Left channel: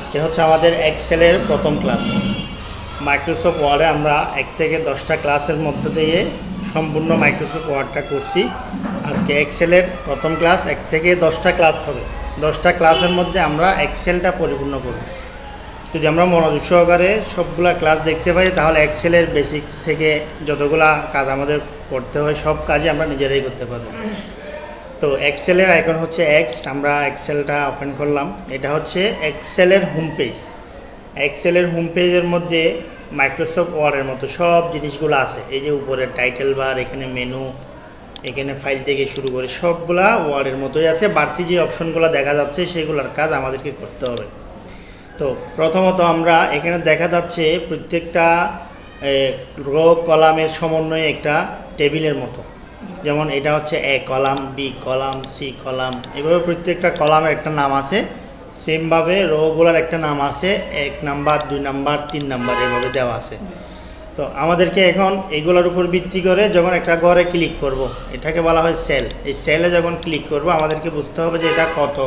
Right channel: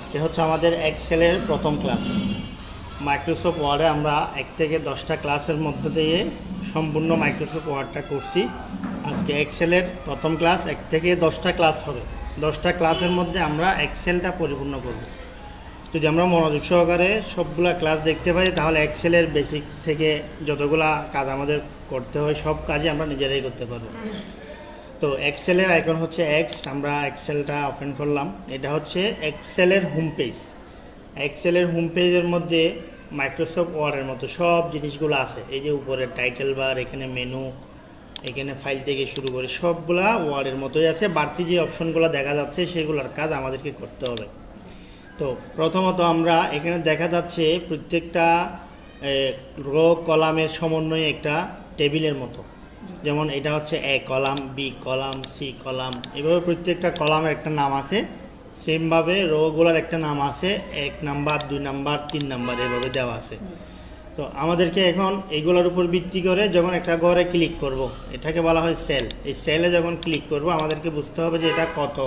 আজকে হচ্ছে আমাদের এক্সেলের প্রথম ক্লাস। মাইক্রোসফট ওয়ার্ডে আমরা 1 থেকে 10টা ক্লাসের মধ্যে দিয়ে সম্পূর্ণ মাইক্রোসফট ওয়ার্ডটা করছি। আজকে এক্সেলের প্রথম ক্লাস, 1 থেকে 10টা ক্লাস হবে। 10টা ক্লাসের মধ্যে আমরা এক্সেলটা পরিপূর্ণ করব। যদি আমরা মনোযোগ সহকারে সবগুলা ক্লাস দেখতে পারি তাহলে এক্সেলের বেসিক থেকে যতগুলা কাজ আমাদের করতে হয় সব কাজই আমরা নিজেরাই করতে পারবো। তো এক্সেলের আইকন হচ্ছে এক্স, আমরা এক্সেলটা ওপেন করলাম। এটা হচ্ছে এক্সেলের হোম পেজ। এক্সেলের হোম পেজের মধ্যে মাইক্রোসফট ওয়ার্ডের মতো সব জিনিসগুলো আছে। এই যে উপরে টাইটেল বার, এখানে মেনু, এখানে ফাইল থেকে শুরু করে সবগুলা ওয়ার্ডের মতোই আছে। বাড়তি যে অপশনগুলো দেখা যাচ্ছে সেগুলোর কাজ আমাদেরকে করতে হবে। তো প্রথমত আমরা এখানে দেখা যাচ্ছে প্রত্যেকটা রো কলামের সমন্বয়ে একটা টেবিলের মতো। যেমন এটা হচ্ছে A column, B column, C column, এভাবে প্রত্যেকটা কলামের একটা নাম আছে। সেমভাবে রোগুলোর একটা নাম আছে, 1 নাম্বার, 2 নাম্বার, 3 নাম্বার, এভাবে দেওয়া আছে। তো আমাদেরকে এখন এগুলোর উপর ভিত্তি করে যখন একটা ঘরে ক্লিক করব, এটাকে বলা হয় সেল। এই সেলে যখন ক্লিক করব আমাদেরকে বুঝতে হবে যে এটা কত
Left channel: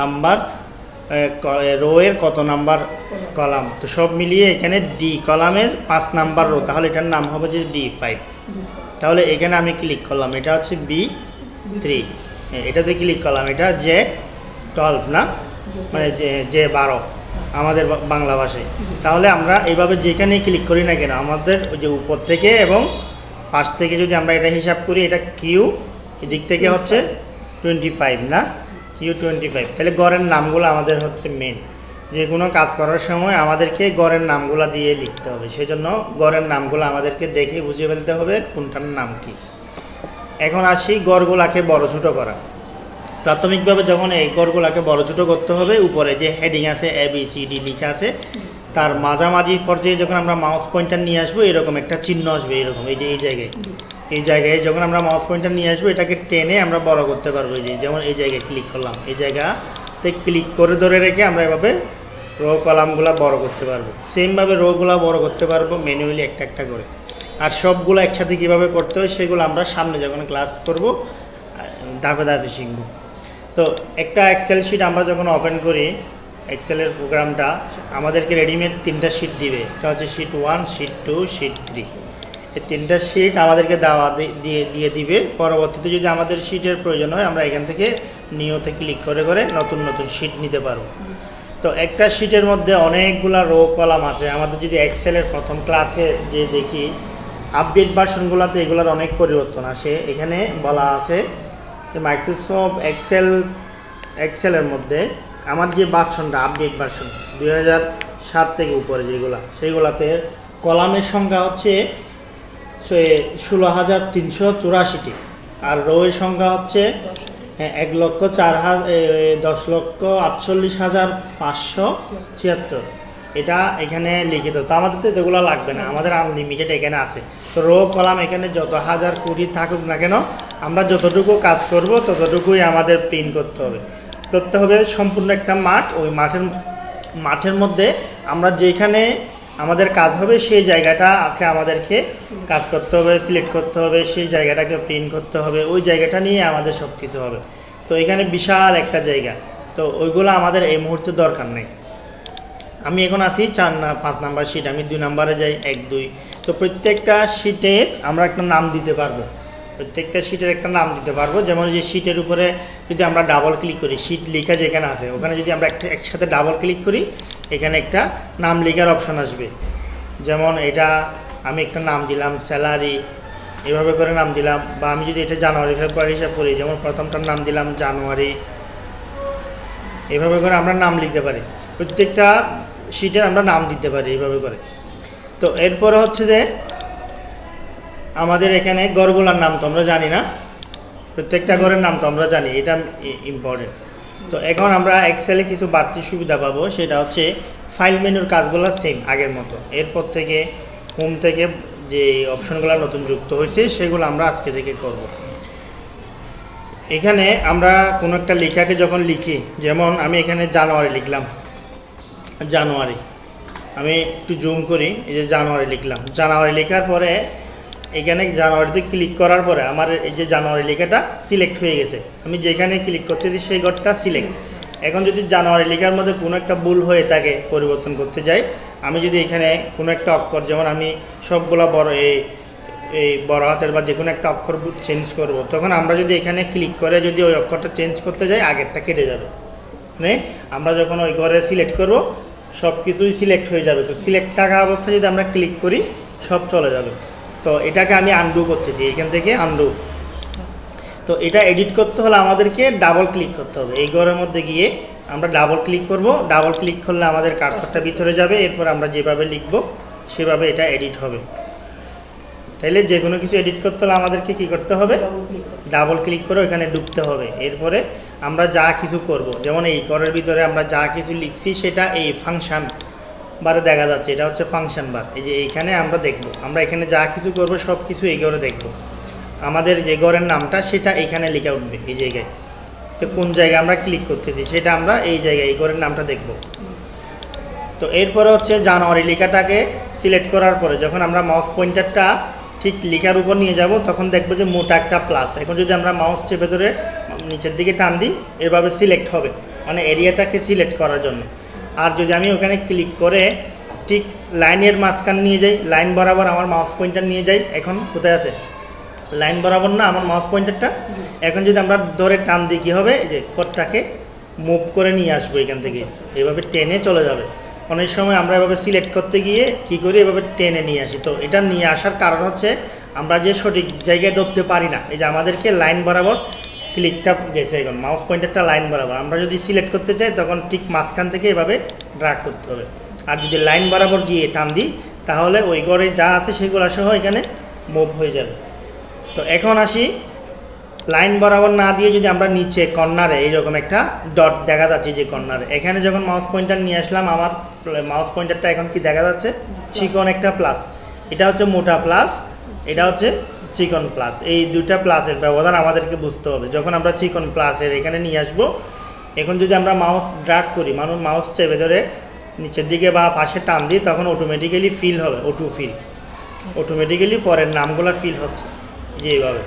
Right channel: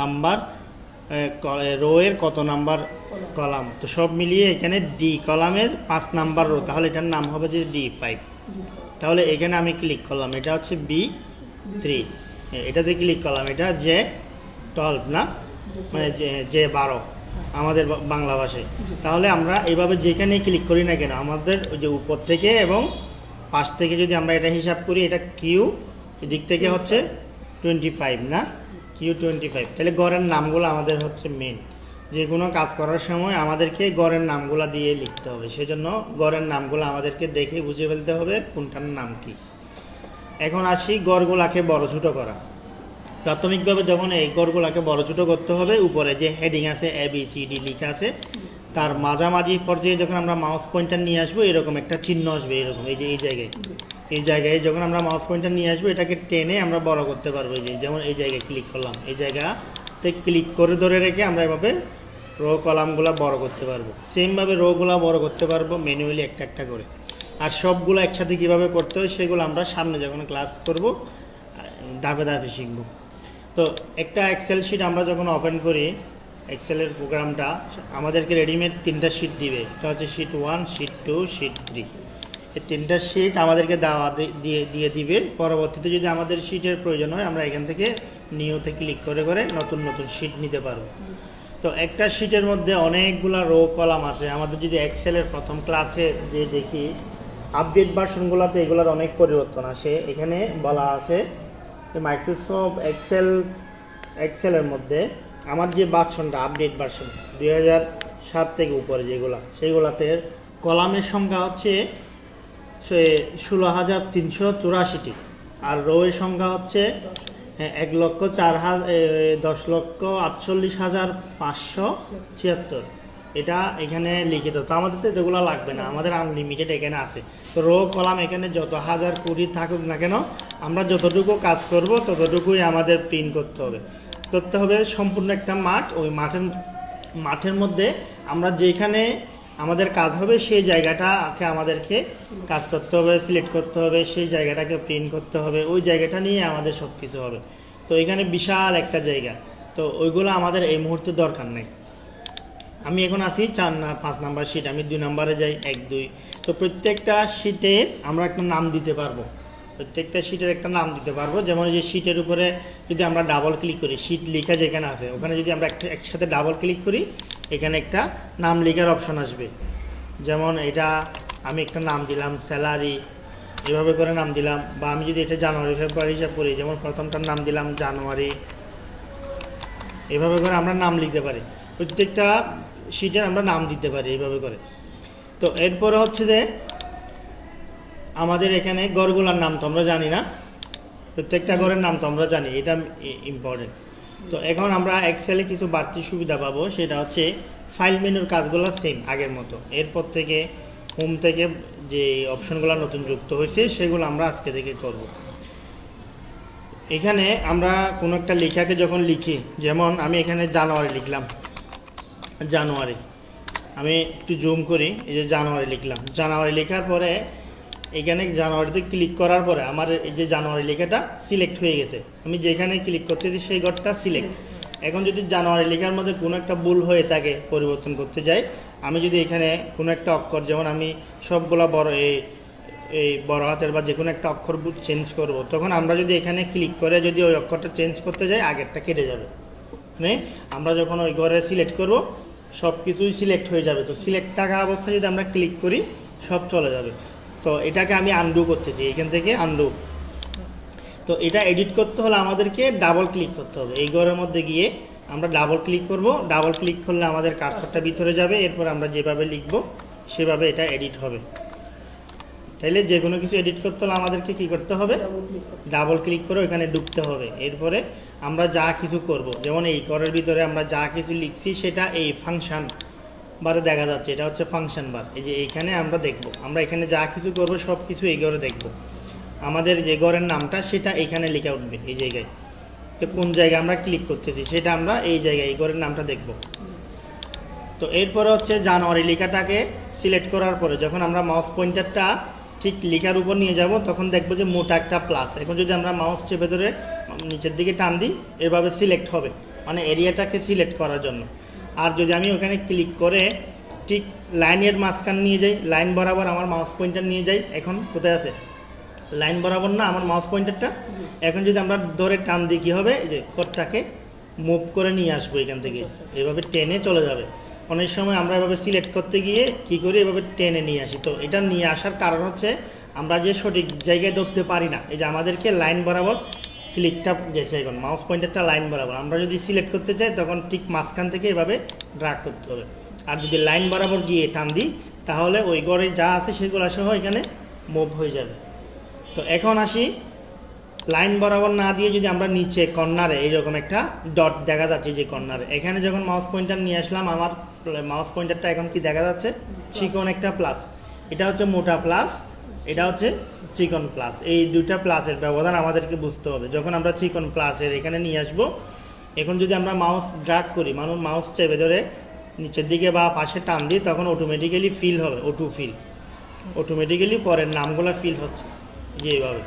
নাম্বার রো এর কত নাম্বার কলাম। তো সব মিলিয়ে এখানে ডি কলামের 5 নাম্বার রো, তাহলে এটার নাম হবে যে D5। তাহলে এখানে আমি ক্লিক করলাম, এটা হচ্ছে B3, এটাতে ক্লিক করলাম, এটা J12 না, মানে J12 আমাদের বাংলা ভাষায়। তাহলে আমরা এইভাবে যেখানেই ক্লিক করি না কেন আমাদের ওই যে উপর থেকে এবং পাশ থেকে যদি আমরা এটা হিসাব করি, এটা কিউ, এদিক থেকে হচ্ছে 25 না, Q25। তাহলে গড়ের নামগুলো আমাদের হচ্ছে মেন। যে কোনো কাজ করার সময় আমাদেরকে গড়ের নামগুলো দিয়ে লিখতে হবে, সেজন্য গড়ের নামগুলো আমাদেরকে দেখে বুঝিয়ে ফেলতে হবে কোনটার নাম কি। এখন আসি গড়গুলাকে বড় ছোটো করা। প্রাথমিকভাবে যখন এই গড়গুলাকে বড় ছোটো করতে হবে, উপরে যে হেডিং আছে ABCD লেখা আছে, তার মাঝামাঝি পর্যায়ে যখন আমরা মাউস পয়েন্টার নিয়ে আসবো এরকম একটা চিহ্ন আসবে, এরকম এই যে এই জায়গায় যখন আমরা মাউস পয়েন্টার নিয়ে আসবো এটাকে টেনে আমরা বড় করতে পারবো। এই যে যেমন এই জায়গায় ক্লিক করলাম, এই জায়গাতে ক্লিক করে ধরে রেখে আমরা এভাবে রো কলামগুলো বড় করতে পারবো। সেমভাবে রোগুলো বড় করতে পারবো ম্যানুয়ালি একটা একটা করে। আর সবগুলো একসাথে কীভাবে করতে হয় সেগুলো আমরা সামনে যখন ক্লাস করব ধাপে ধাপে শিখব। তো একটা এক্সেল শিট আমরা যখন ওপেন করি, এক্সেলের প্রোগ্রামটা আমাদেরকে রেডিমেড 3টা শিট দিবে। এটা হচ্ছে শিট 1, শিট 2, শিট 3। এই 3টা শিট আমাদেরকে দিয়ে দিবে। পরবর্তীতে যদি আমাদের শিটের প্রয়োজন হয় আমরা এখান থেকে নিউতে ক্লিক করে করে নতুন নতুন শিট নিতে পারবো। তো একটা শিটের মধ্যে অনেকগুলা রো কলাম আছে। আমাদের যদি এক্সেলের প্রথম ক্লাসে যে দেখি আপডেট ভার্সনগুলোতে এগুলোর অনেক পরিবর্তন আসে। এখানে বলা আছে যে মাইক্রোসফট এক্সেলের মধ্যে আমার যে ভার্সনটা আপডেট ভার্সন 2007 থেকে উপরে যেগুলো, সেইগুলাতে কলামের সংখ্যা হচ্ছে 16,384টি, আর রো এর সংখ্যা হচ্ছে 10,48,576 এটা এখানে লিখিত। তো আমাদের তো এগুলো লাগবে না, আমাদের আনলিমিটেড এখানে আছে। তো রো কলাম এখানে যত হাজার কোটি থাকুক না কেন, আমরা যতটুকু কাজ করব ততটুকুই আমাদের প্রিন্ট করতে হবে সম্পূর্ণ একটা মাঠ। ওই মাঠের মধ্যে আমরা যেখানে আমাদের কাজ হবে সেই জায়গাটাকে আমাদেরকে কাজ করতে হবে, সিলেক্ট করতে হবে, সেই জায়গাটাকে প্রিন্ট করতে হবে, ওই জায়গাটা নিয়ে আমাদের সব কিছু হবে। তো এখানে বিশাল একটা জায়গা, তো ওইগুলো আমাদের এই মুহূর্তে দরকার নেই। আমি এখন আছি 5 নাম্বার শিট, আমি 2 নাম্বারে যাই, 1, 2। তো প্রত্যেকটা শিটের আমরা একটা নাম দিতে পারবো, যেমন যে শিটের উপরে যদি আমরা ডাবল ক্লিক করি, শিট লেখা যেখানে আছে ওখানে যদি আমরা একসাথে ডাবল ক্লিক করি, এখানে একটা নাম লেখার অপশন আসবে। যেমন এটা আমি একটা নাম দিলাম স্যালারি, এভাবে করে নাম দিলাম। বা আমি যদি এটা জানুয়ারি ফেব্রুয়ারি হিসাব করি, যেমন প্রথমটার নাম দিলাম জানুয়ারি, এভাবে করে আমরা নাম লিখতে পারি। প্রত্যেকটা শিটের আমরা নাম দিতে পারি এইভাবে করে। তো এরপরে হচ্ছে যে আমাদের এখানে গড়গুলার নাম তো আমরা জানি না, প্রত্যেকটা গড়ের নাম তো আমরা জানি, এটা ইম্পর্টেন্ট। তো এখন আমরা এক্সেলে কিছু বাড়তি সুবিধা পাবো, সেটা হচ্ছে ফাইল মেনুর কাজগুলো সেম আগের মতো। এরপর থেকে হোম থেকে যে অপশনগুলো নতুন যুক্ত হয়েছে সেগুলো আমরা আজকে থেকে করব। এখানে আমরা কোনো একটা লেখাকে যখন লিখি, যেমন আমি এখানে জানুয়ারি লিখলাম, জানুয়ারি আমি একটু জুম করি, এই যে জানুয়ারি লিখলাম। জানুয়ারি লেখার পরে এখানে জানুয়ারিতে ক্লিক করার পরে আমার এই যে জানুয়ারি লেখাটা সিলেক্ট হয়ে গেছে। আমি যেখানে ক্লিক করতেছি সেই ঘরটা সিলেক্ট। এখন যদি জানুয়ারি লেখার মধ্যে কোনো একটা ভুল হয়ে থাকে পরিবর্তন করতে যাই, আমি যদি এখানে কোনো একটা অক্ষর, যেমন আমি সবগুলা বড় এই বড় হাতের বা যে কোনো একটা অক্ষর চেঞ্জ করব, তখন আমরা যদি এখানে ক্লিক করে যদি ওই অক্ষরটা চেঞ্জ করতে যাই আগেরটা কেটে যাবে। মানে আমরা যখন ওই ঘরে সিলেক্ট করব সব কিছুই সিলেক্ট হয়ে যাবে। তো সিলেক্ট থাকা অবস্থায় যদি আমরা ক্লিক করি সব চলে যাবে। তো এটাকে আমি আনডু করতেছি, এখান থেকে আনডু। তো এটা এডিট করতে হলে আমাদেরকে ডাবল ক্লিক করতে হবে। এই ঘরের মধ্যে গিয়ে আমরা ডাবল ক্লিক করব। ডাবল ক্লিক করলে আমাদের কার্সরটা ভিতরে যাবে, এরপর আমরা যেভাবে লিখব সেভাবে এটা এডিট হবে। তাইলে যে কোনো কিছু এডিট করতে হলে আমাদেরকে কি করতে হবে? ডাবল ক্লিক করে ওইখানে ঢুকতে হবে। এরপরে আমরা যা কিছু করব, যেমন এই ঘরের ভিতরে আমরা যা কিছু লিখছি সেটা এই ফাংশন বারে দেখা যাচ্ছে, এটা হচ্ছে ফাংশন বার। এই যে এইখানে আমরা দেখব, আমরা এখানে যা কিছু করব সব কিছু এই ঘরে দেখব। আমাদের যে ঘরের নামটা সেটা এখানে লেখা উঠবে এই জায়গায়। তো কোন জায়গায় আমরা ক্লিক করতেছি সেটা আমরা এই জায়গায় এই ঘরের নামটা দেখব। তো এরপরে হচ্ছে জানুয়ারি লেখাটাকে সিলেক্ট করার পরে যখন আমরা মাউস পয়েন্টারটা ঠিক লেখার উপর নিয়ে যাব তখন দেখবো যে মোটা একটা প্লাস। এখন যদি আমরা মাউস চেপে ধরে নিচের দিকে টান দিই এভাবে সিলেক্ট হবে, মানে এরিয়াটাকে সিলেক্ট করার জন্য। আর যদি আমি ওখানে ক্লিক করে ঠিক লাইনের মাঝখান নিয়ে যাই, লাইন বরাবর আমার মাউস পয়েন্টার নিয়ে যাই, এখন কোথায় আছে? লাইন বরাবর না আমার মাউস পয়েন্টারটা। এখন যদি আমরা ধরে টান দিই কী হবে? এই যে কোডটাকে মুভ করে নিয়ে আসবো এখান থেকে, এভাবে টেনে চলে যাবে। অনেক সময় আমরা এভাবে সিলেক্ট করতে গিয়ে কি করি, এভাবে টেনে নিয়ে আসি। তো এটা নিয়ে আসার কারণ হচ্ছে আমরা যে সঠিক জায়গায় ধরতে পারি না। এই যে আমাদেরকে লাইন বরাবর ক্লিকটা গেছে, এখন মাউস পয়েন্টারটা লাইন বরাবর। আমরা যদি সিলেক্ট করতে চাই তখন ঠিক মাঝখান থেকে এভাবে ড্র্যাগ করতে হবে। আর যদি লাইন বরাবর গিয়ে টান দিই তাহলে ওই ঘরে যা আছে সেগুলো সহ এখানে মুভ হয়ে যাবে। তো এখন আসি, লাইন বরাবর না দিয়ে যদি আমরা নিচে কর্নারে এইরকম একটা ডট দেখা যাচ্ছে যে কর্নারে, এখানে যখন মাউস পয়েন্টার নিয়ে আসলাম আমার মাউস পয়েন্টারটা এখন কি দেখা যাচ্ছে? চিকন একটা প্লাস। এটা হচ্ছে মোটা প্লাস, এটা হচ্ছে চিকন প্লাস। এই দুইটা প্লাসের ব্যবধান আমাদেরকে বুঝতে হবে। যখন আমরা চিকন প্লাসের এখানে নিয়ে আসবো, এখন যদি আমরা মাউস ড্র্যাগ করি, মাউস চেপে ধরে নিচের দিকে বা পাশে টান দিই তখন অটোমেটিক্যালি ফিল হবে, অটো ফিল। অটোমেটিক্যালি পরের নামগুলো ফিল হচ্ছে যে এইভাবে।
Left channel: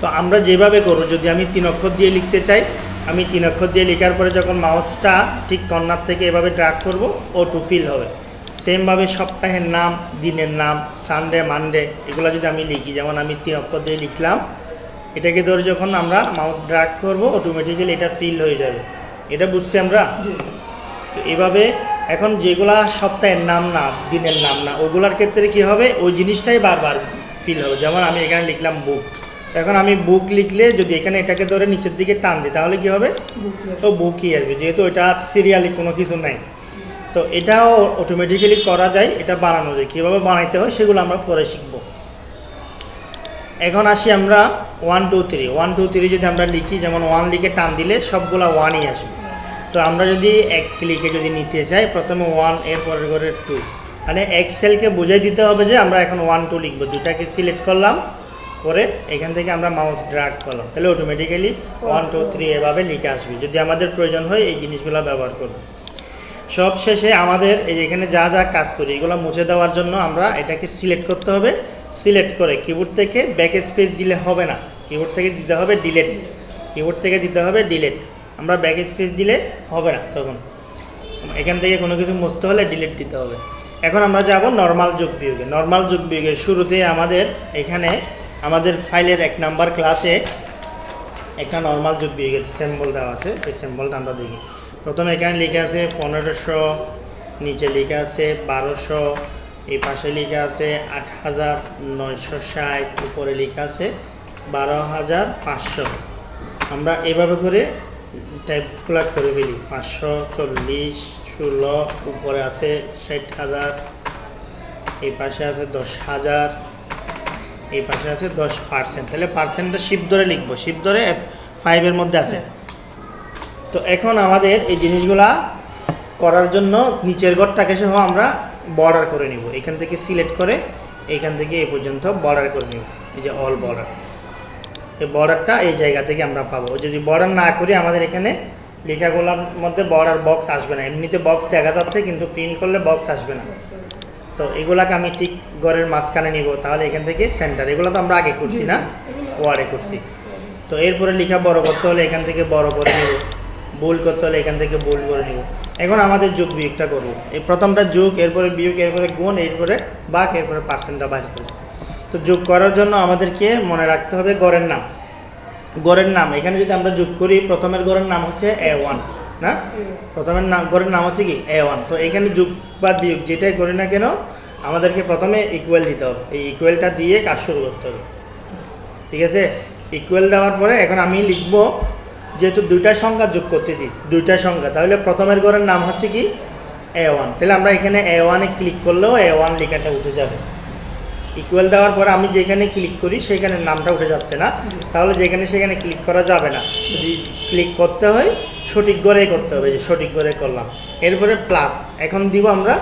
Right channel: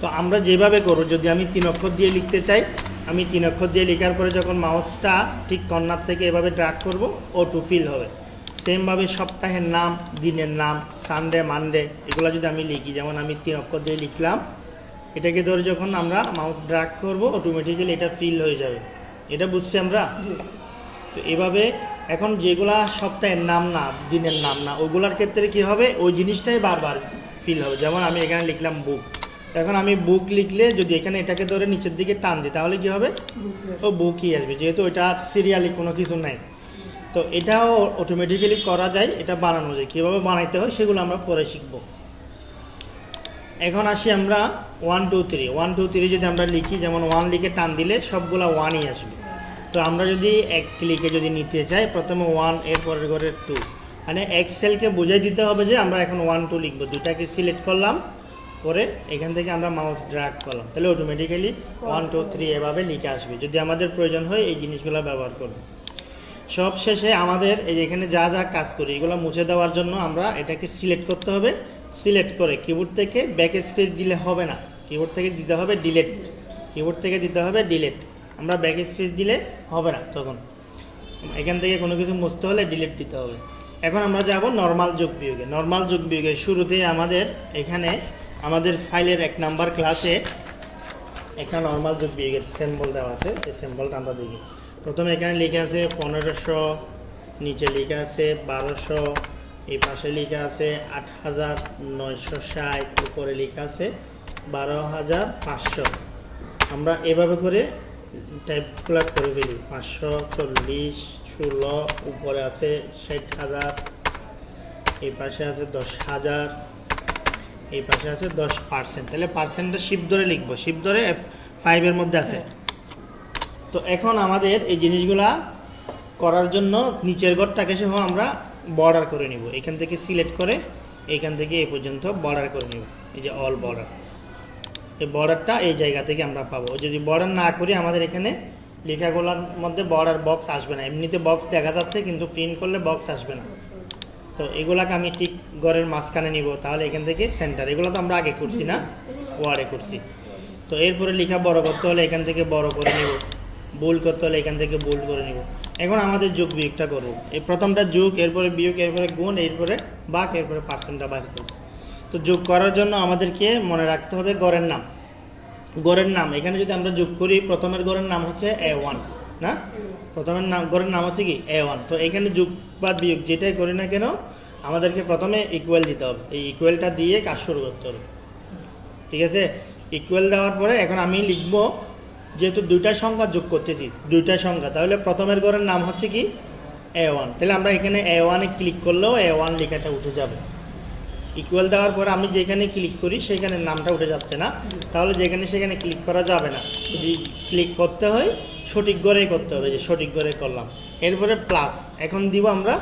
তো আমরা যেভাবে করব, যদি আমি 3 অক্ষর দিয়ে লিখতে চাই, আমি 3 অক্ষর দিয়ে লেখার পরে যখন মাউসটা ঠিক কর্নার থেকে এভাবে ড্র্যাগ করব অটো ফিল হবে। সেমভাবে সপ্তাহের নাম, দিনের নাম, সানডে, মানডে এগুলো যদি আমি লিখি, যেমন আমি 3 অক্ষর দিয়ে লিখলাম, এটাকে ধরে যখন আমরা মাউস ড্র্যাগ করব অটোমেটিক্যালি এটা ফিল হয়ে যাবে। এটা বুঝছি আমরা? তো এভাবে এখন যেগুলা সপ্তাহের নাম না, দিনের নাম না, ওগুলার ক্ষেত্রে কি হবে? ওই জিনিসটাই বারবার ফিল হবে। যেমন আমি এখানে লিখলাম বুক, এখন আমি বুক লিখলে যদি এখানে এটাকে ধরে নিচের দিকে টান দিই তাহলে কি হবে? তো বুকই আসবে, যেহেতু এটা সিরিয়ালি কোনো কিছু নাই। তো এটাও অটোমেটিক্যালি করা যায়, এটা বানানো যায়। কীভাবে বানাইতে হয় সেগুলো আমরা পরে শিখব। এখন আসি আমরা 1 2 3 1 2 3 যদি আমরা লিখি, যেমন 1 লিখে টান দিলে সবগুলা 1ই আসবে। তো আমরা যদি এক ক্লিকে যদি নিতে চাই, প্রথমে 1 এর পরের ঘরে 2, মানে এক্সেলকে বুঝাই দিতে হবে যে আমরা এখন 1 2 লিখবো। দুটাকে সিলেক্ট করলাম করে এখান থেকে আমরা মাউস ড্র্যাগ করলাম, তাহলে অটোমেটিক্যালি 1 2 3 এভাবে লিখে আসবে। যদি আমাদের প্রয়োজন হয় এই জিনিসগুলো ব্যবহার করব। সব শেষে আমাদের এই যে এখানে যা যা কাজ করি এগুলো মুছে দেওয়ার জন্য আমরা এটাকে সিলেক্ট করতে হবে। সিলেক্ট করে কিবোর্ড থেকে ব্যাক স্পেস দিলে হবে না, কিবোর্ড থেকে দিতে হবে ডিলেট। কিবোর্ড থেকে দিতে হবে ডিলেট। আমরা ব্যাক স্পেস দিলে হবে না, তখন এখান থেকে কোনো কিছু মুছতে হলে ডিলেট দিতে হবে। এখন আমরা যাব নর্মাল যোগ বিয়োগে। নর্মাল যোগ বিয়োগের শুরুতে আমাদের এখানে আমাদের ফাইলের 1 নাম্বার ক্লাসে একটা নর্মাল যোগ বিয়োগের সিম্বল দেওয়া আছে। এই সিম্বলটা আমরা দেখি। প্রথমে এখানে লেখা আছে 1500, নিচে লেখা আছে 1200, এই পাশে লেখা আছে 8960, উপরে লেখা আছে 12500। আমরা এভাবে করে টাইপগুলো করে ফেলি। 540, 16, উপরে আছে 60,000, এই পাশে আছে 10,000, এই পাশে আছে 10%। তাহলে পার্সেন্টটা শিফট ধরে লিখবো, শিফট ধরে F5 এর মধ্যে আছে। তো এখন আমাদের এই জিনিসগুলা করার জন্য নিচের ঘরটাকে সহ আমরা বর্ডার করে নিব। এখান থেকে সিলেক্ট করে এখান থেকে এই পর্যন্ত বর্ডার করে নিব। এই যে অল বর্ডার, এই বর্ডারটা এই জায়গা থেকে আমরা পাবো। যদি বর্ডার না করি আমাদের এখানে লেখাগুলোর মধ্যে বর্ডার বক্স আসবে না। এমনিতে বক্স দেখা যাচ্ছে কিন্তু প্রিন্ট করলে বক্স আসবে না। তো এগুলাকে আমি ঠিক ঘরের মাঝখানে নিব, তাহলে এখান থেকে সেন্টার। এগুলো তো আমরা আগে করছি না, ওয়ার্ডে করছি। তো এরপরে লেখা বড় করতে হলে এখান থেকে বড় করে নিব। বোল্ড করতে হলে এখান থেকে বোল্ড করে নিব। এখন আমাদের যোগ বিয়োগটা করব। এই প্রথমটা যোগ, এরপরে বিয়োগ, এরপরে গুণ, এরপরে ভাগ, এরপরে পার্সেন্টটা বাইর করব। তো যোগ করার জন্য আমাদেরকে মনে রাখতে হবে গড়ের নাম। গড়ের নাম এখানে যদি আমরা যোগ করি, প্রথমের গড়ের নাম হচ্ছে A1 না, প্রথমের নাম গড়ের নাম হচ্ছে কি A1। তো এখানে যোগ বা বিয়োগ যেটাই করি না কেন আমাদেরকে প্রথমে ইকুয়াল দিতে হবে। এই ইকুয়ালটা দিয়ে কাজ শুরু করতে হবে, ঠিক আছে? ইকুয়াল দেওয়ার পরে এখন আমি লিখব, যেহেতু দুইটা সংখ্যা যোগ করতেছি, দুইটা সংখ্যা, তাহলে প্রথমের গড়ের নাম হচ্ছে কি A1। তাহলে আমরা এখানে A1 এ ক্লিক করলেও A1 লেখাটা উঠে যাবে। ইকুয়াল দেওয়ার পরে আমি যেখানে ক্লিক করি সেখানে নামটা উঠে যাচ্ছে না, তাহলে যেখানে সেখানে ক্লিক করা যাবে না। যদি ক্লিক করতে হয় সঠিক গড়ে করতে হবে, যে সঠিক গড়ে করলাম। এরপরে প্লাস, এখন দিব আমরা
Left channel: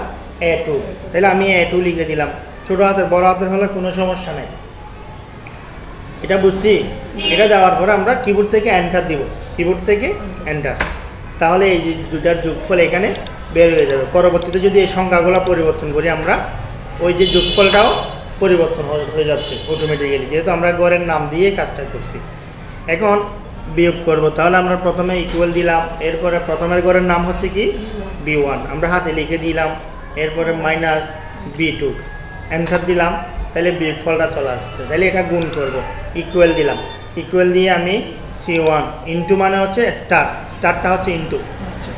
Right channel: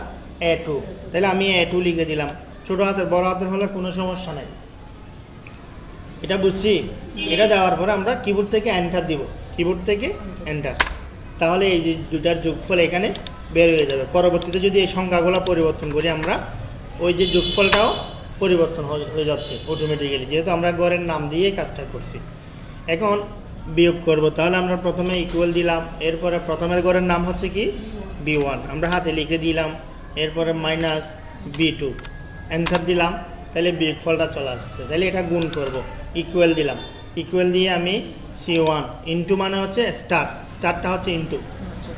A2। তাহলে আমি A2 লিখে দিলাম। ছোটো হাতের বড় হাতের হলে কোনো সমস্যা নেই, এটা বুঝছি। এটা দেওয়ার পরে আমরা কিবোর্ড থেকে এন্টার দিব, কিবোর্ড থেকে এন্টার। তাহলে এই যে দুটার যোগফল এখানে বের হয়ে যাবে। পরবর্তীতে যদি এই সংখ্যাগুলো পরিবর্তন করি আমরা, ওই যে যোগফলটাও পরিবর্তন হয়ে যাচ্ছে অটোমেটিক্যালি, যেহেতু আমরা গড়ের নাম দিয়ে কাজটা করছি। এখন বিয়োগ করব, তাহলে আমরা প্রথমে ইকুয়াল দিলাম, এরপরে প্রথমের গড়ের নাম হচ্ছে কি B1, আমরা হাতে লিখে দিলাম, এরপরে মাইনাস B2 এন্টার দিলাম, তাহলে বিয়োগফলটা চলে আসছে। তাহলে এটা গুণ করব, ইকুয়াল দিলাম, ইকুয়াল দিয়ে আমি C1 ইন্টু মানে হচ্ছে স্টার, স্টারটা হচ্ছে ইন্টু,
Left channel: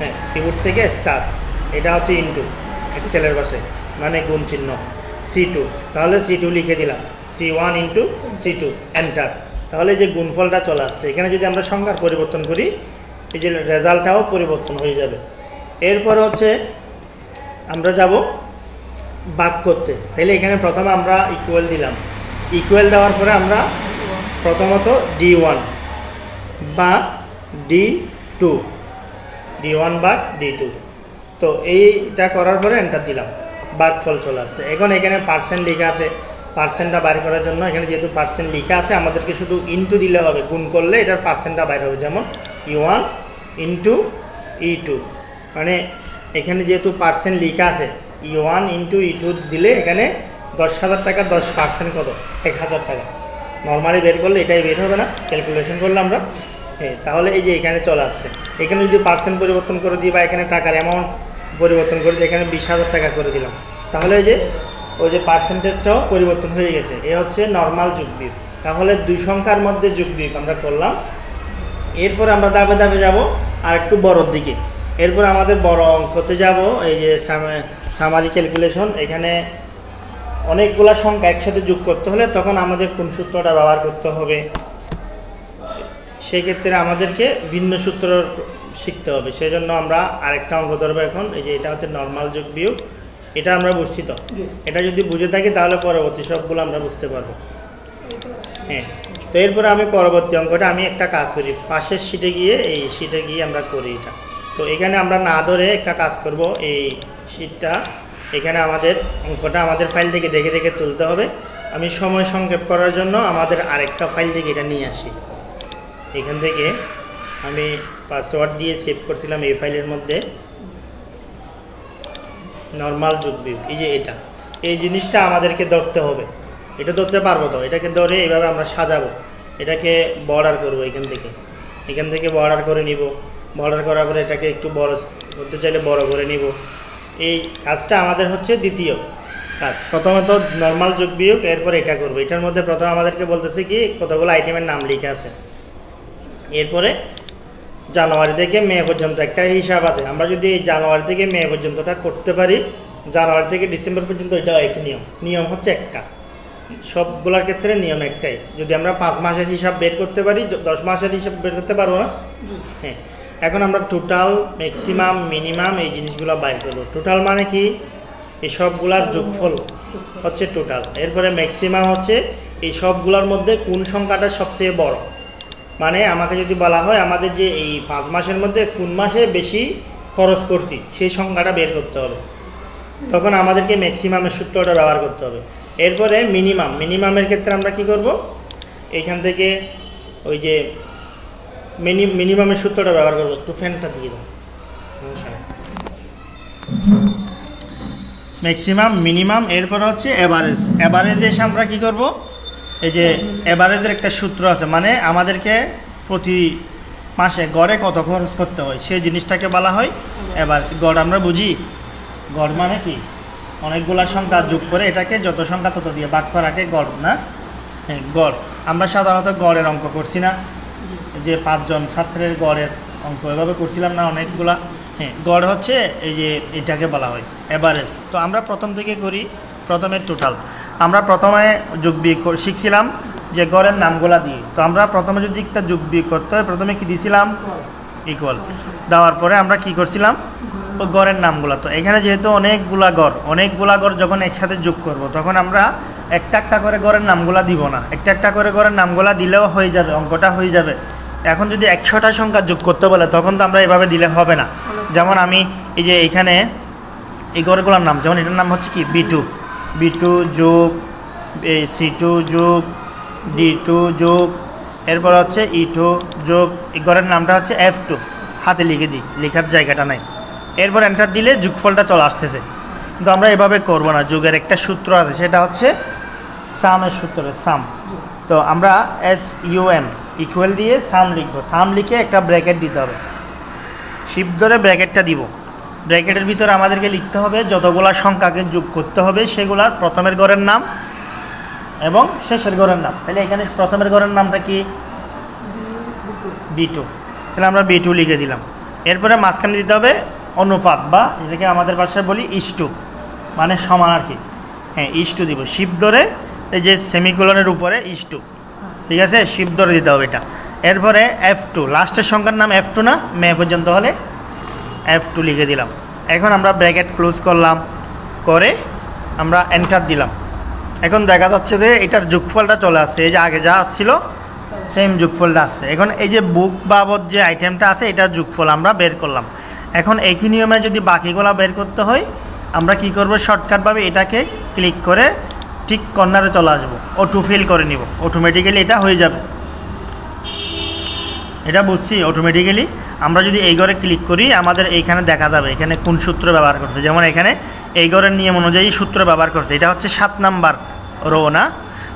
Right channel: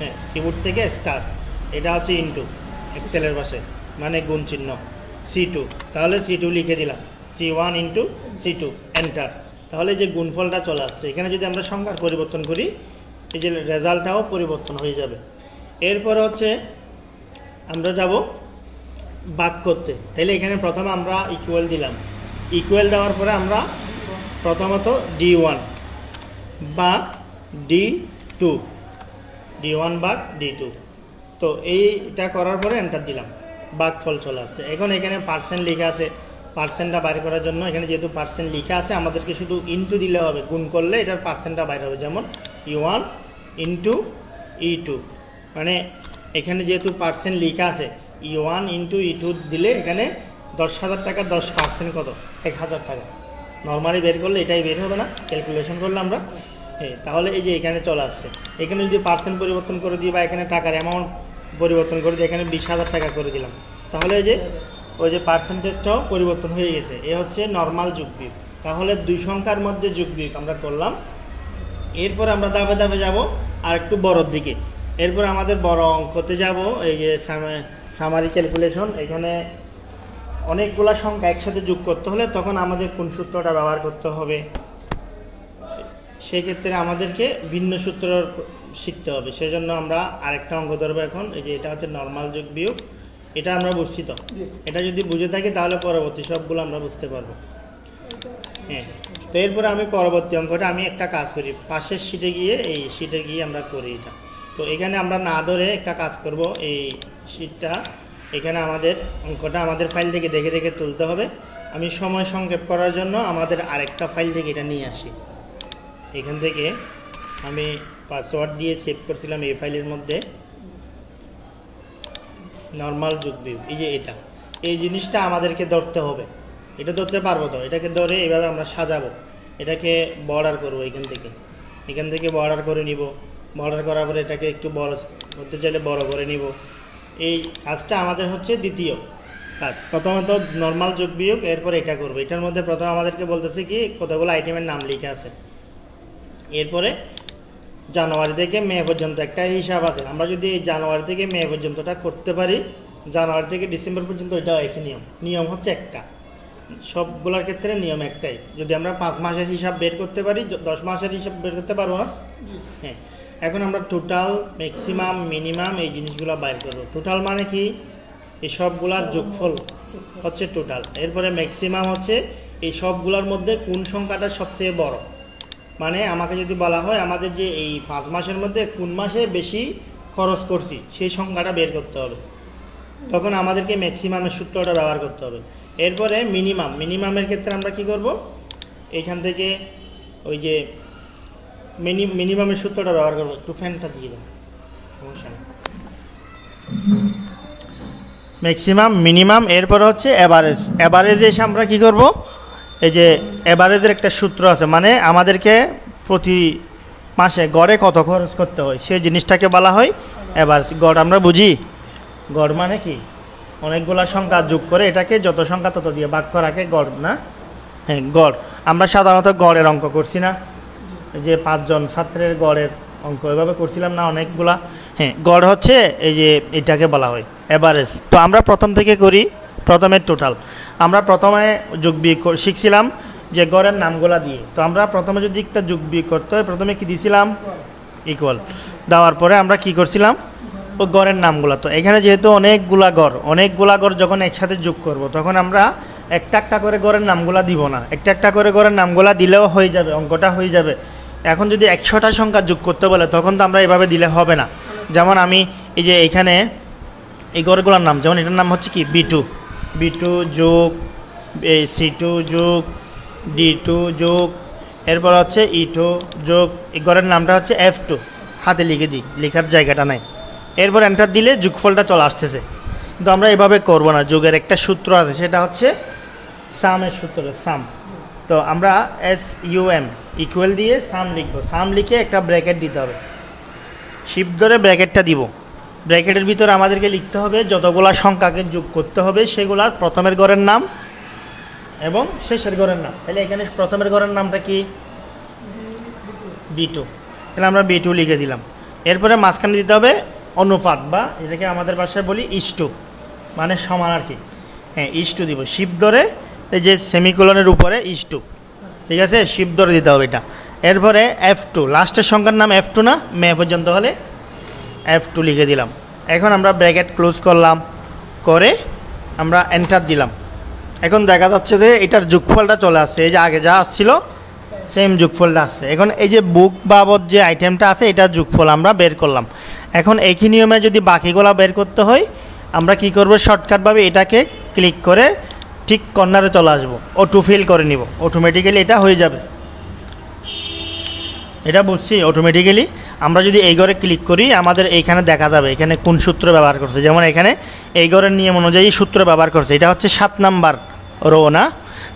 হ্যাঁ কিবোর্ড থেকে স্টার, এটা হচ্ছে ইন্টু এক্সেলের পাশে মানে গুণ চিহ্ন C2, তাহলে C2 লিখে দিলাম, C1 ইন্টু C2 এন্টার, তাহলে যে গুণফলটা চলে আসছে। এখানে যদি আমরা সংখ্যার পরিবর্তন করি এই যে রেজাল্টটাও পরিবর্তন হয়ে যাবে। এরপর হচ্ছে আমরা যাব ভাগ করতে। তাহলে এখানে প্রথমে আমরা ইকুয়াল দিলাম, ইকুয়াল দেওয়ার পরে আমরা প্রথমত D1 বা D2, D1 বা D2, তো এইটা করার পরে এন্টার দিলাম, ভাগফল চলে আসছে। এখন এখানে পার্সেন্ট লেখা আছে, পার্সেন্টটা বাইর করার জন্য এখানে যেহেতু পার্সেন্ট লেখা আছে আমাদেরকে শুধু ইন্টু দিলে হবে, গুণ করলে এটার পার্সেন্টটা বাইর হবে। যেমন E1 ইন্টু E2, মানে এখানে যেহেতু পার্সেন্ট লেখা আছে E1 ইন্টু E2 দিলে এখানে 10,000 টাকা 10% কত 1,000 টাকা। নর্মালি বের করলে এটাই বের হবে না, ক্যালকুলেশন করলে আমরা, হ্যাঁ তাহলে এই যে এখানে চলে আসছে। এখানে যদি পার্সেন্ট পরিবর্তন করে দিই বা এখানে টাকার অ্যামাউন্ট পরিবর্তন করে দিই, এখানে 20,000 টাকা করে দিলাম, তাহলে এই যে ওই যে পার্সেন্টেজটাও পরিবর্তন হয়ে গেছে। এ হচ্ছে নর্মাল যোগ বিয়োগ। তাহলে দুই সংখ্যার মধ্যে যোগ বিয়োগ আমরা করলাম। এরপর আমরা ধাপে ধাপে যাব আর একটু বড়োর দিকে। এরপর আমাদের বড় অঙ্কতে যাব, এই যে সামারি ক্যালকুলেশন। এখানে অনেকগুলো সংখ্যা একসাথে যোগ করতে হলে তখন আমাদের কোন সূত্রটা ব্যবহার করতে হবে, সেক্ষেত্রে আমাদেরকে ভিন্ন সূত্র শিখতে হবে। সেই জন্য আমরা আরেকটা অঙ্ক ধরবো এখন। এই যে এটা হচ্ছে নর্মাল যোগ বিয়োগ, এটা আমরা বুঝছি তো, এটা যদি বুঝে থাকি তাহলে পরবর্তী সবগুলো আমরা বুঝতে পারবো। হ্যাঁ, তো এরপরে আমি পরবর্তী অঙ্কটা আমি একটা কাজ করি, পাশের শিটে গিয়ে এই শিটে গিয়ে আমরা করি এটা। তো এখানে আমরা না ধরে একটা কাজ করব, এই শিটটা এখানে আমাদের অঙ্কটা আমাদের ফাইল থেকে দেখে দেখে তুলতে হবে। আমি সময় সংক্ষেপ করার জন্য আমাদের আরেকটা ফাইল থেকে এটা নিয়ে আসি। এখান থেকে আমি পাসওয়ার্ড দিয়ে সেভ করছিলাম এই ফাইলের মধ্যে, নর্মাল যোগ বিয়োগ। এই যে এটা, এই জিনিসটা আমাদেরকে ধরতে হবে। এটা ধরতে পারবো তো, এটাকে ধরে এইভাবে আমরা সাজাবো, এটাকে বর্ডার করবো। এখান থেকে বর্ডার করে নিব। বর্ডার করার পরে এটাকে একটু বড় করতে চাইলে বড় করে নিব। এই কাজটা আমাদের হচ্ছে দ্বিতীয় কাজ। প্রথমত নর্মাল যোগ বিয়োগ, এরপর এটা করবো। এটার মধ্যে প্রথম আমাদেরকে বলতেছে কি কতগুলো আইটেমের নাম লিখে আছে। এরপরে জানুয়ারি থেকে মে পর্যন্ত একটা হিসাব আছে। আমরা যদি এই জানুয়ারি থেকে মে পর্যন্তটা করতে পারি, জানুয়ারি থেকে ডিসেম্বর পর্যন্ত এটা একই নিয়ম হচ্ছে একটা, সবগুলোর ক্ষেত্রে নিয়ম একটাই। যদি আমরা 5 মাসের হিসাব বের করতে পারি, 10 মাসের হিসাব বের করতে পারবো না। হ্যাঁ, এখন আমরা টোটাল, ম্যাক্সিমাম, মিনিমাম এই জিনিসগুলো বাইর করবো। টোটাল মানে কি, এই সবগুলার যোগফল হচ্ছে টোটাল। এরপরে ম্যাক্সিমাম হচ্ছে এই সবগুলোর মধ্যে কোন সংখ্যাটা সবচেয়ে বড়, মানে আমাকে যদি বলা হয় আমাদের যে এই 5 মাসের মধ্যে কোন মাসে বেশি খরচ করছি সেই সংখ্যাটা বের করতে হবে, তখন আমাদেরকে ম্যাক্সিমামের সূত্রটা ব্যবহার করতে হবে। এরপরে মিনিমামের ক্ষেত্রে আমরা কি করব, এইখান থেকে ওই যে মিনিমামের সূত্রটা ব্যবহার করবো। একটু ফ্যানটা দিয়ে দাও, ম্যাক্সিমাম, মিনিমাম, এরপরে হচ্ছে অ্যাভারেজ। অ্যাভারেজে এসে আমরা কি করব, এই যে অ্যাভারেজের একটা সূত্র আছে, মানে আমাদেরকে প্রতি মাসে গড়ে কত খরচ করতে হয় সেই জিনিসটাকে বলা হয় এভারেজ। গড় আমরা বুঝি, গড় মানে কি অনেকগুলা সংখ্যা যোগ করে এটাকে যত সংখ্যা তত দিয়ে ভাগ করাকে গড় না? হ্যাঁ, গড়। আমরা সাধারণত গড়ের অঙ্ক করছি না, যে 5 জন ছাত্রের গড়ের অঙ্ক এভাবে করছিলাম না অনেকগুলা। হ্যাঁ, গড় হচ্ছে এই যে এটাকে বলা হয় এভারেজ। তো আমরা প্রথম থেকে করি, প্রথমের টোটাল। আমরা প্রথমে যোগ বিয়োগ শিখছিলাম যে গড়ের নামগুলা দিয়ে। তো আমরা প্রথমে যদি একটা যোগ বিয়োগ করতে হয় প্রথমে কি দিয়েছিলাম? ইকুয়াল দেওয়ার পরে আমরা কি করছিলাম? ও গড়ের নামগুলা। তো এখানে যেহেতু অনেকগুলা গড় যখন একসাথে যোগ করব তখন আমরা একটা একটা করে গড়ের নামগুলা দিব না, একটা একটা করে গড়ের নামগুলা দিলেও হয়ে যাবে, অঙ্কটা হয়ে যাবে। এখন যদি 100টা সংখ্যা যোগ করতে বলে তখন তো আমরা এভাবে দিলে হবে না। যেমন আমি এই যে এখানে এই গড়গুলোর নাম, যেমন এটার নাম হচ্ছে কি B2 যোগ C2 যোগ D2 যোগ, এরপর হচ্ছে E2 যোগ, এই গড়ের নামটা হচ্ছে F2, হাতে লিখে দিই, লেখার জায়গাটা নাই। এরপর এন্টার দিলে যোগফলটা চলে আসতেছে। কিন্তু আমরা এভাবে করব না, যোগের একটা সূত্র আছে, সেটা হচ্ছে সামের সূত্র, সাম। তো আমরা SUM ইকুয়াল দিয়ে সাম লিখবো, সাম লিখে একটা ব্র্যাকেট দিতে হবে, শিফট ধরে ব্র্যাকেটটা দিব। ব্র্যাকেটের ভিতরে আমাদেরকে লিখতে হবে যতগুলা সংখ্যাকে যোগ করতে হবে সেগুলার প্রথমের গড়ের নাম এবং শেষের গড়ের নাম। তাহলে এখানে প্রথমের গড়ের নামটা কি? B2, তাহলে আমরা B2 লিখে দিলাম। এরপরে মাঝখানে দিতে হবে অনুপাত, বা এটাকে আমাদের ভাষায় বলি ইস্টু, মানে সমান আর কি। হ্যাঁ, ইস্টু দিব, শিফট ধরে এই যে সেমিকোলনের উপরে ইস্টু, ঠিক আছে, শিফট ধরে দিতে হবে এটা। এরপরে F2, লাস্টের সংখ্যার নাম F2 না, মে পর্যন্ত হলে F2 লিখে দিলাম। এখন আমরা ব্র্যাকেট ক্লোজ করলাম, করে আমরা এন্টার দিলাম। এখন দেখা যাচ্ছে যে এটার যোগফলটা চলে আসছে, এই যে আগে যা আসছিল সেম যোগফলটা আসছে। এখন এই যে বুক বাবদ যে আইটেমটা আছে এটার যোগফল আমরা বের করলাম। এখন একই নিয়মে যদি বাকিগুলো বের করতে হয় আমরা কি করব? শর্টকাটভাবে এটাকে ক্লিক করে ঠিক কর্নারে চলে আসবো, অটো ফিল করে নিব, অটোমেটিক্যালি এটা হয়ে যাবে। এটা বুঝছি, অটোমেটিক্যালি আমরা যদি এই ঘরে ক্লিক করি আমাদের এইখানে দেখা যাবে এখানে কোন সূত্র ব্যবহার করছে। যেমন এখানে এই ঘরের নিয়ম অনুযায়ী সূত্র ব্যবহার করছে, এটা হচ্ছে 7 নাম্বার রো না,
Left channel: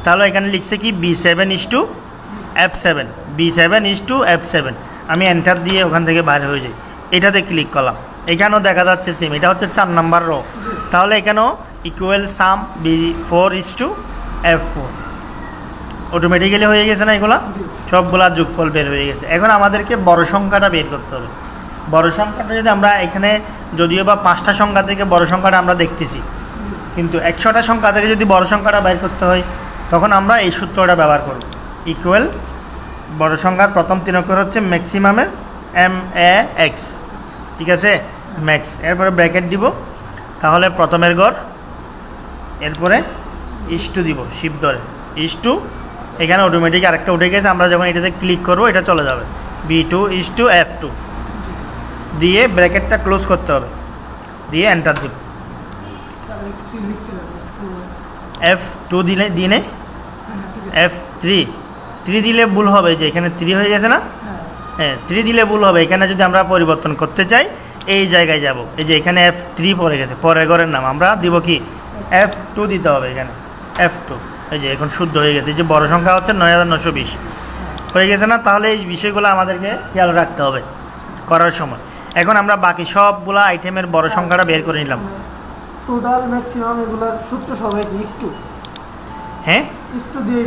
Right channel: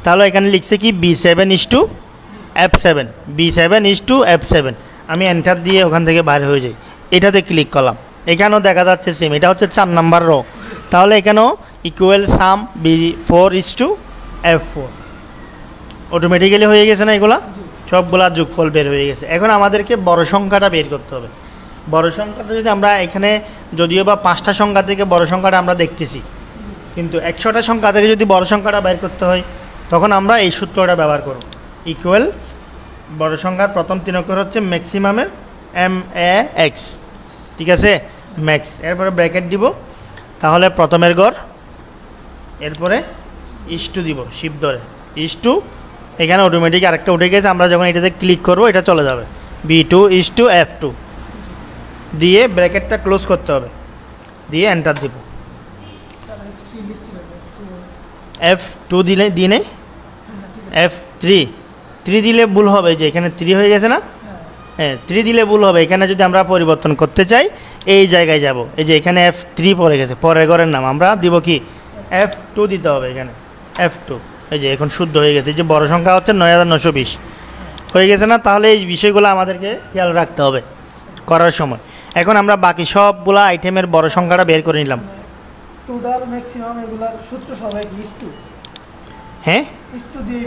তাহলে এখানে লিখছে কি B7:F7, B7:F7। আমি এন্টার দিয়ে ওখান থেকে বাইরে হয়ে যাই, এটাতে ক্লিক করলাম, এখানেও দেখা যাচ্ছে সেম, এটা হচ্ছে 4 নাম্বার রো, তাহলে এখানেও ইকুয়াল সাম B4:F4। অটোমেটিক্যালি হয়ে গেছে না, এগুলা সবগুলা যোগফল বের হয়ে গেছে। এখন আমাদেরকে বড় সংখ্যাটা বের করতে হবে। বড় সংখ্যাটা যদি আমরা এখানে যদিও বা 5টা সংখ্যা থেকে বড় সংখ্যাটা আমরা দেখতেছি, কিন্তু 100টা সংখ্যা থেকে যদি বড় সংখ্যাটা বের করতে হয় তখন আমরা এই সূত্রটা ব্যবহার করব, ইকুয়াল বড় সংখ্যার প্রথম 3 অক্ষর হচ্ছে ম্যাক্সিমামের MAX, ঠিক আছে, ম্যাক্স। এরপরে ব্র্যাকেট দিব, তাহলে প্রথমের গড়, এরপরে ইস্টু দিব, শিফট ধরে ইস্টু, এখানে অটোমেটিক আরেকটা উঠে গেছে, আমরা যখন এটাতে ক্লিক করবো এটা চলে যাবে B2:F2 দিয়ে ব্র্যাকেটটা ক্লোজ করতে হবে, দিয়ে এন্টার দিব। F2 দিলে দিয়ে নেই, F3 দিলে ভুল হবে, যে এখানে 3 হয়ে গেছে না, হ্যাঁ 3 দিলে ভুল হবে। এখানে যদি আমরা পরিবর্তন করতে চাই এই জায়গায় যাব, এই যে এখানে F3 পড়ে গেছে, পরের ঘরের নাম আমরা দিব কি F2 দিতে হবে, এখানে F2, এই যে এখন শুদ্ধ হয়ে গেছে। যে বড় সংখ্যা হচ্ছে 9920 হয়ে গেছে না, তাহলে এই বিষয়গুলো আমাদেরকে খেয়াল রাখতে হবে করার সময়। এখন আমরা বাকি সবগুলো আইটেমের বড় সংখ্যাটা বের করে নিলাম, টোটাল ম্যাক্সিমাম এগুলার সূত্র সবাই ইস্টু। হ্যাঁ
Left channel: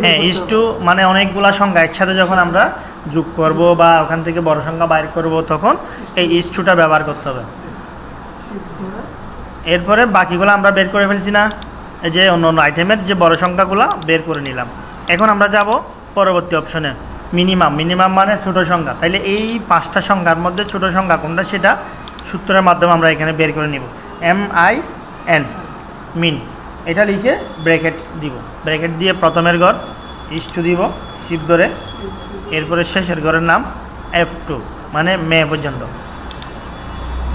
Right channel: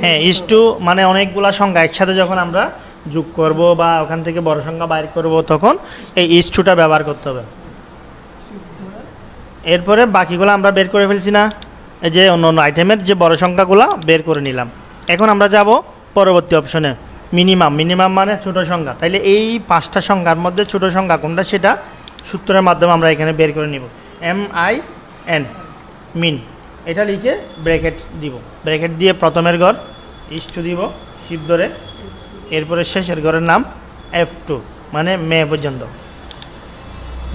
হ্যাঁ, ইস্টু মানে অনেকগুলা সংখ্যা একসাথে যখন আমরা যোগ করব বা ওখান থেকে বড় সংখ্যা বাইর করব তখন এই ইস্টুটা ব্যবহার করতে হবে। এরপরে বাকিগুলো আমরা বের করে ফেলছি না, এই যে অন্য অন্য আইটেমের যে বড় সংখ্যাগুলো বের করে নিলাম। এখন আমরা যাব পরবর্তী অপশনে, মিনিমাম মানে ছোট সংখ্যা। তাইলে এই 5টা সংখ্যার মধ্যে ছোট সংখ্যা কোনটা সেটা সূত্রের মাধ্যমে আমরা এখানে বের করে নিব, MIN, মিন, এটা লিখে ব্র্যাকেট দিব, ব্র্যাকেট দিয়ে প্রথমের ঘর ইস্টু দিব শিফট ধরে, এরপরে শেষের ঘরের নাম F2 মানে মে পর্যন্ত,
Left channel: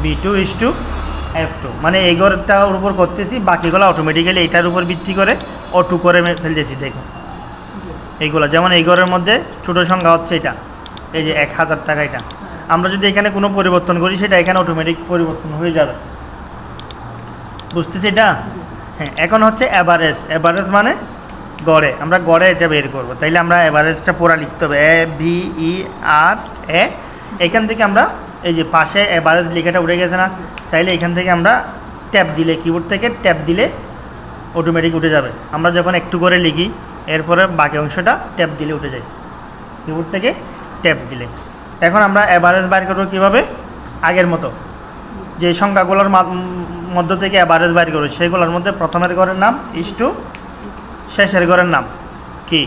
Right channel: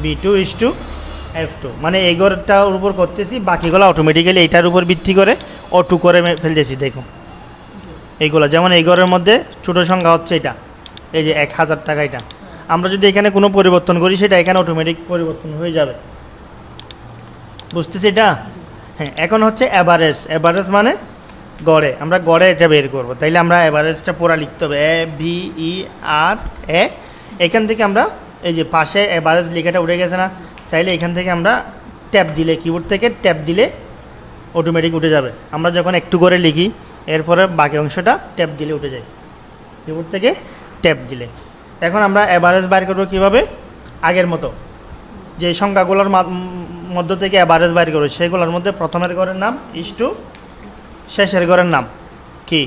B2:F2 মানে এই ঘরটার উপর করতেছি, বাকিগুলো অটোমেটিক্যালি এইটার উপর ভিত্তি করে অটো করে ফেলতেছি। দেখুন এইগুলো, যেমন এই ঘরের মধ্যে ছোটো সংখ্যা হচ্ছে এটা, এই যে 1000 টাকা, এটা আমরা যদি এখানে কোনো পরিবর্তন করি সেটা এখানে অটোমেটিক পরিবর্তন হয়ে যাবে, বুঝতেছি এটা? হ্যাঁ, এখন হচ্ছে অ্যাভারেজ মানে গড়ে, আমরা গড়ে এটা বের করবো। তাইলে আমরা অ্যাভারেজটা পুরা লিখতে হবে, AVERAGE, এখান থেকে আমরা এই যে পাশে এভারেজ লেখাটা উঠে গেছে না, চাইলে এখান থেকে আমরা ট্যাপ দিলে, কিবোর্ড থেকে ট্যাপ দিলে অটোমেটিক উঠে যাবে। আমরা যখন একটু করে লিখি এরপরে বাকি অংশটা ট্যাপ দিলে উঠে যায়, কিবোর্ড থেকে ট্যাপ দিলে। এখন আমরা অ্যাভারেজ বাইর করবো কীভাবে? আগের মতো যে সংখ্যাগুলোর মধ্য থেকে অ্যাভারেজ বাইর করবো, সেগুলোর মধ্যে প্রথমের ঘরের নাম ইস টু, শেষের ঘরের নাম কি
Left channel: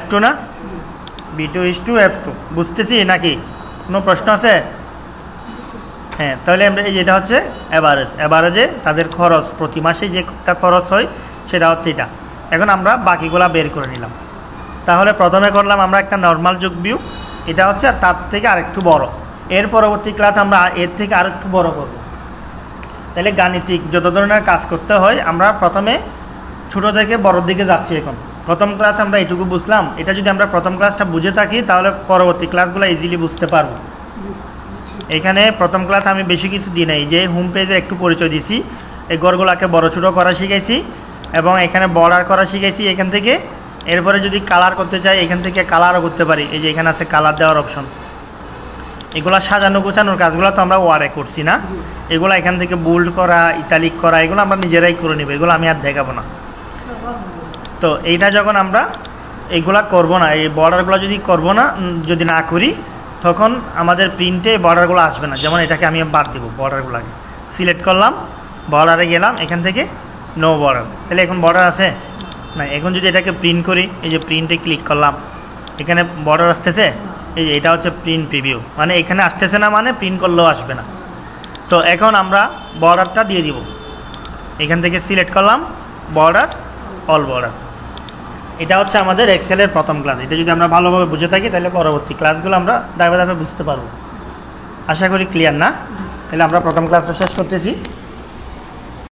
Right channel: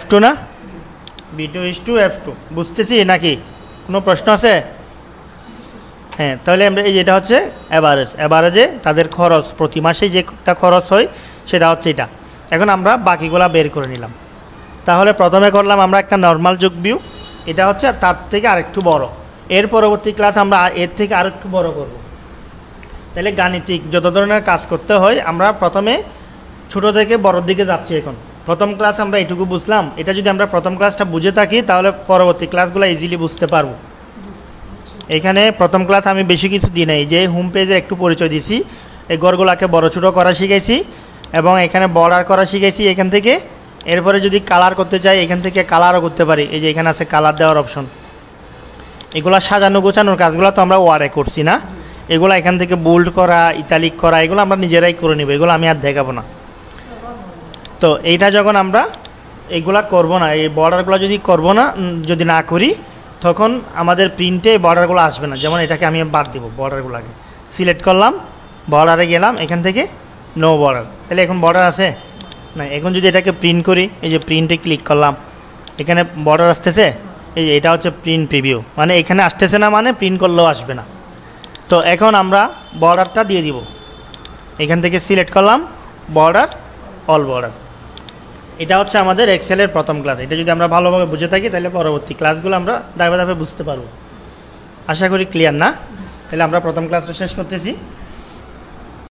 F2 না, B2 ইস টু F2। বুঝতেছি নাকি? কোনো প্রশ্ন আছে? হ্যাঁ, তাহলে আমরা এই যেটা হচ্ছে অ্যাভারেজ, অ্যাভারেজে তাদের খরচ প্রতি মাসে যেটা খরচ হয় সেটা হচ্ছে এটা। এখন আমরা বাকিগুলা বের করে নিলাম। তাহলে প্রথমে করলাম আমরা একটা নর্মাল যোগ বিয়োগ, এটা হচ্ছে তার থেকে আরেকটু বড়। এর পরবর্তী ক্লাস আমরা এর থেকে আরেকটু বড় করব। তাহলে গাণিতিক যত ধরনের কাজ করতে হয় আমরা প্রথমে ছোট থেকে বড়র দিকে যাচ্ছি। এখন প্রথম ক্লাস আমরা এটুকু বুঝলাম, এটা যদি আমরা প্রথম ক্লাসটা বুঝে থাকি তাহলে পরবর্তী ক্লাসগুলো ইজিলি বুঝতে পারবো। এখানে প্রথম ক্লাস আমি বেশি কিছু দিই নাই, যে হোম পেজের একটু পরিচয় দিছি, এই ঘরগুলোকে বড় ছোটো করা শিখাইছি এবং এখানে বর্ডার করা শিখাইছি এখান থেকে। এরপরে যদি কালার করতে চাই এখান থেকে কালারও করতে পারি, এই যে এখানে আছে কালার দেওয়ার অপশন। এগুলো সাজানো গোছানোর কাজগুলো তো আমরা ওয়ারে করছি না, এগুলো এখান থেকে বোল্ড করা, ইতালিক করা, এগুলো আমরা নিজেরাই করে নেব, এগুলো আমি আর দেখাবো না। তো এইটা যখন আমরা এইগুলা করব না, এই বর্ডারগুলো যদি না করি তখন আমাদের প্রিন্টে বর্ডারগুলো আসবে না। যেমন এটাকে আমি বাদ দেব, বর্ডারগুলোকে সিলেক্ট করলাম, বর্ডারে গেলাম, এখান থেকে নো বর্ডার, তাহলে এখন বর্ডার আছে না। এখন যদি এটাকে প্রিন্ট করি, এই যে প্রিন্টে ক্লিক করলাম, এখানে বর্ডার আসতেছে, এই যে এটা হচ্ছে প্রিন্ট প্রিভিউ, মানে এখানে আসতেছে না মানে প্রিন্ট করলেও আসবে না। তো এখন আমরা বর্ডারটা দিয়ে দিব, এখান থেকে সিলেক্ট করলাম বর্ডার, অল বর্ডার। এটা হচ্ছে আমাদের এক্সেলের প্রথম ক্লাস। এটা যদি আমরা ভালোভাবে বুঝে থাকি তাহলে পরবর্তী ক্লাসগুলো আমরা ধাপে ধাপে বুঝতে পারবো। আশা করি ক্লিয়ার না? তাহলে আমরা প্রথম ক্লাসটা শেষ করতেছি।